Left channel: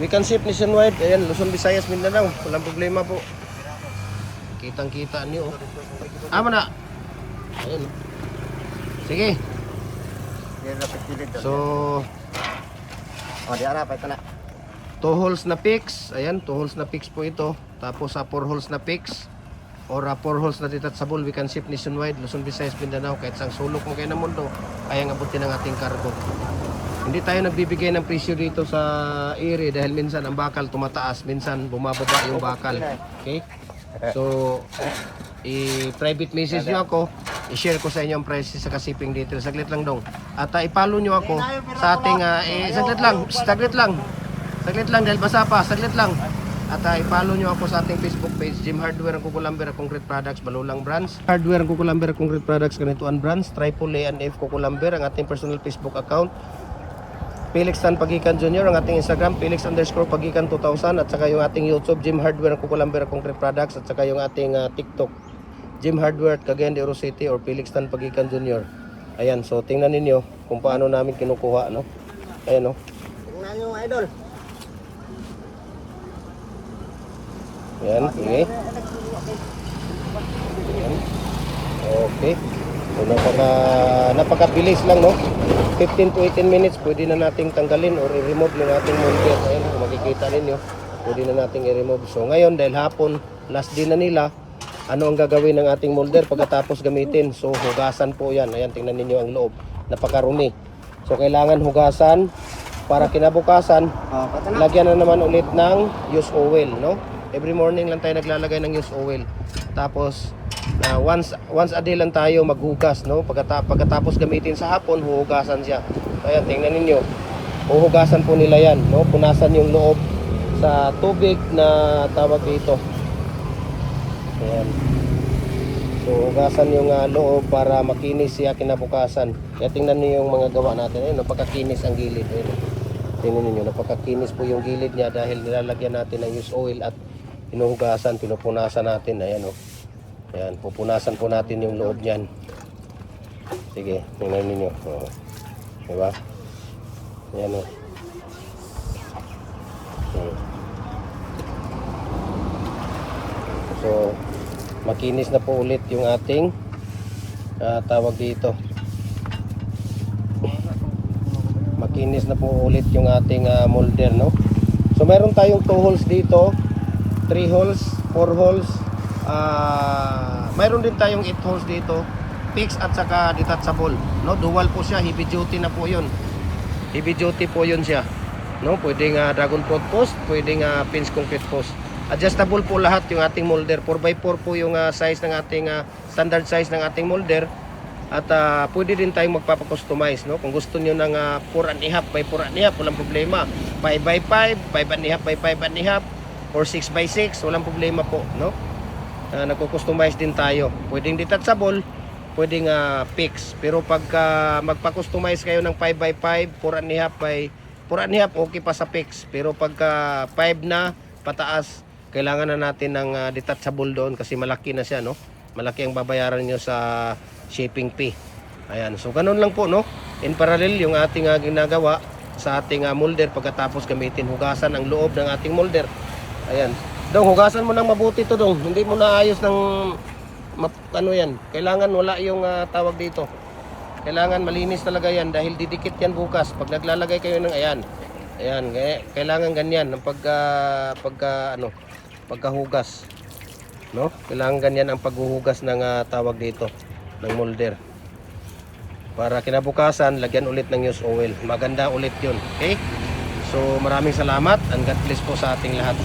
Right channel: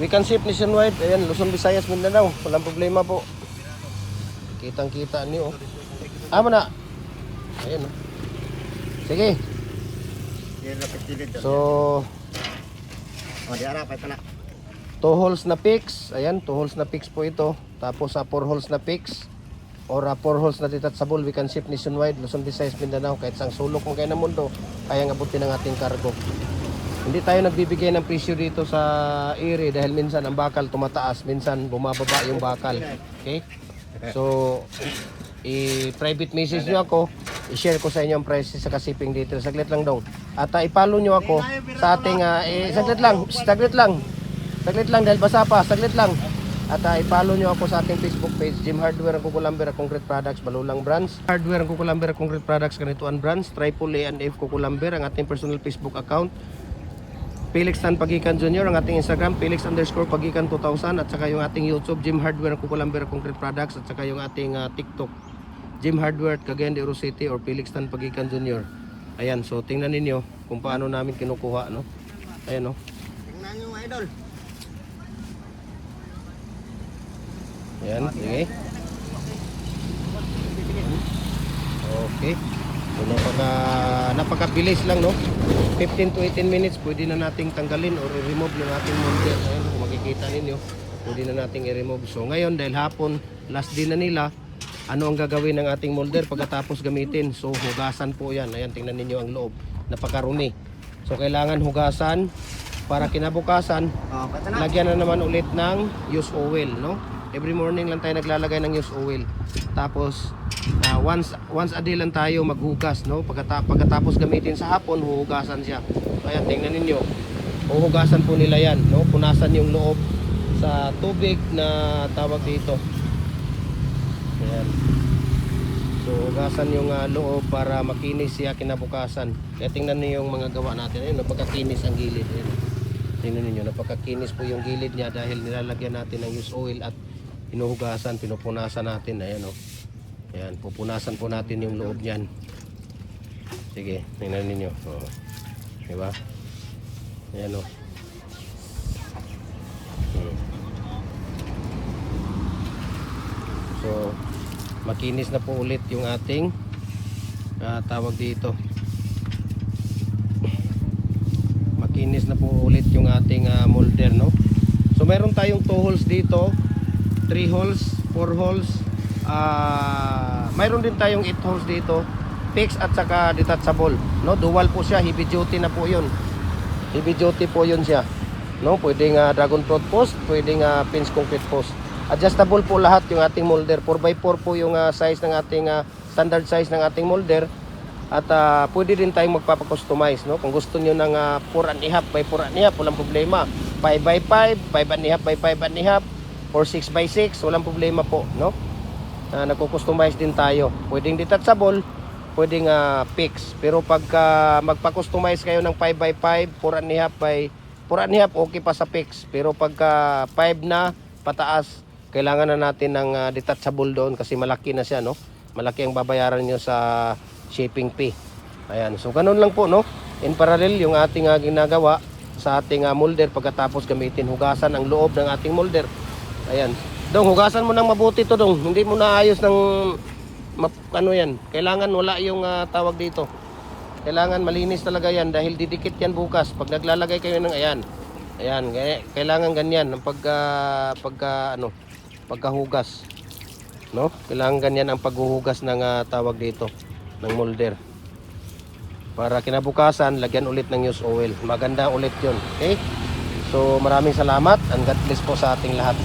We can ship nationwide. Ayan, Luzon, Visayas, Mindanao. Walang problema po. Kitang-kita niyo. Amo na. Ayan. Sige. So, di ara pa ito na. 2 holes na fix. Ayan, 2 holes na fix po ito. Tapos sa 4 holes na fix or 4 holes na detachable, we can ship nationwide, Luzon, Visayas, Mindanao. Kahit sang sulok mo kayo ng mundo, kayang abutin ang ating cargo. Hindi tayo nagbibigay ng presyo dito sa area dahil minsan ang bakal tumataas, minsan bumababa yung bakal. Okay? So, i-private message nyo ako, i-share ko sa inyo ang price sa shipping dito. Saglit lang daw. At i-follow nyo ako sa ating, saglit lang dahil basa pa, saglit lang. At i-follow nyo ako sa ating Facebook page, Jim Hardware Kukulambira Concrete Products, Balulang Branch. Hardware Kukulambira Concrete Products, Ganituan Branch, Triple A and F Kukulambira, ang ating personal Facebook account. Felix Tan Pagikan Jr. ang ating Instagram, Felix_Pagikan 2000, at saka yung ating YouTube, Jim Hardware Kukulambira Concrete Products, at saka yung ating TikTok, Jim Hardware Cagayan de Oro City or Felix Tan Pagikan Jr. Ayan, so tingnan ninyo kung paano namin kinukuha, no? Ayan, no? Tingnan nyo, idol. Ayan, sige. Okay. So, napakabilis lang, no? 15 to 18 minutes, pwede na nating tanggalin or i-remove ng ating molder. Ayan, kung makikita ninyo, pwede na nating i-remove. So ngayon, dahil hapon, last day na nila, ano ang gagawin ng ating molder pagkatapos gamitin? So hugasan po yan. Ayan, tingnan ninyo ang loob. Napakarumi. So kailangan hugasan para kinabukasan, lagyan na naman ulit ng used oil, no? Every morning lang tayo naglalagay ng used oil. Tapos once a day lang tayo maghugas, no? Pagkatapos gamitin sa hapon, huhugasan siya. Ayan, tingnan ninyo. Huhugasan po nila yan, no? Punasan yung loob sa tubig na tawag dito. Ayan. So hugasan yung loob para makinis siya kinabukasan. Kaya tingnan niyo yung mga gawa natin. Ayan, napakakinis ang gilid. Ayan. Tingnan niyo, napakakinis po yung gilid niya dahil nilalagyan natin ng used oil at pinuhugasan, pinupunasan natin. Ayan, oh. Ayan, pupunasan po natin yung loob niyan. Sige, tingnan ninyo. Oh. Diba? Ayan, oh. So, makinis na po ulit yung ating tawag dito. Makinis na po ulit yung ating molder, no? So, mayroon tayong 2 holes dito, 3 holes, 4 holes, mayroon din tayong 8 holes dito, fix at saka detachable, no? Dual po siya, heavy duty na po yun. Heavy duty po yun siya, no? Pwedeng dragon fruit post, pwedeng pins concrete post. Adjustable po lahat yung ating molder. 4x4 po yung size ng ating standard size ng ating molder. At pwede din tayong magpapakustomize, no? Kung gusto niyo ng 4.5 by 4.5, walang problema. 5x5, 5.5 by 5.5, or 6x6, walang problema po, no? Nagko-customize din tayo. Pwedeng detachable, pwedeng fix. Pero pagka magpa-customize kayo ng 5x5, 4.5 by 4.5, okay pa sa fix. Pero pagka 5 na pataas, kailangan na natin ng detachable doon kasi malaki na siya, no? Malaki ang babayaran nyo sa shipping fee. Ayan, so ganun lang po, no? In parallel yung ating ginagawa sa ating molder pagkatapos gamitin, hugasan ang loob ng ating molder. Ayan. Dong, hugasan mo nang mabuti to, dong. Hindi mo na ayos ng ano yan. Kailangan wala yung tawag dito. Kailangan malinis talaga yan dahil didikit yan bukas. Pag naglalagay kayo ng ayan. Ayan, kailangan ganyan ng pagkahugas. No? Kailangan ganyan ang paghuhugas ng tawag dito ng molder. Para kinabukasan, lagyan ulit ng used oil. Maganda ulit 'yun. Okay? So, maraming salamat and God bless po sa ating lahat.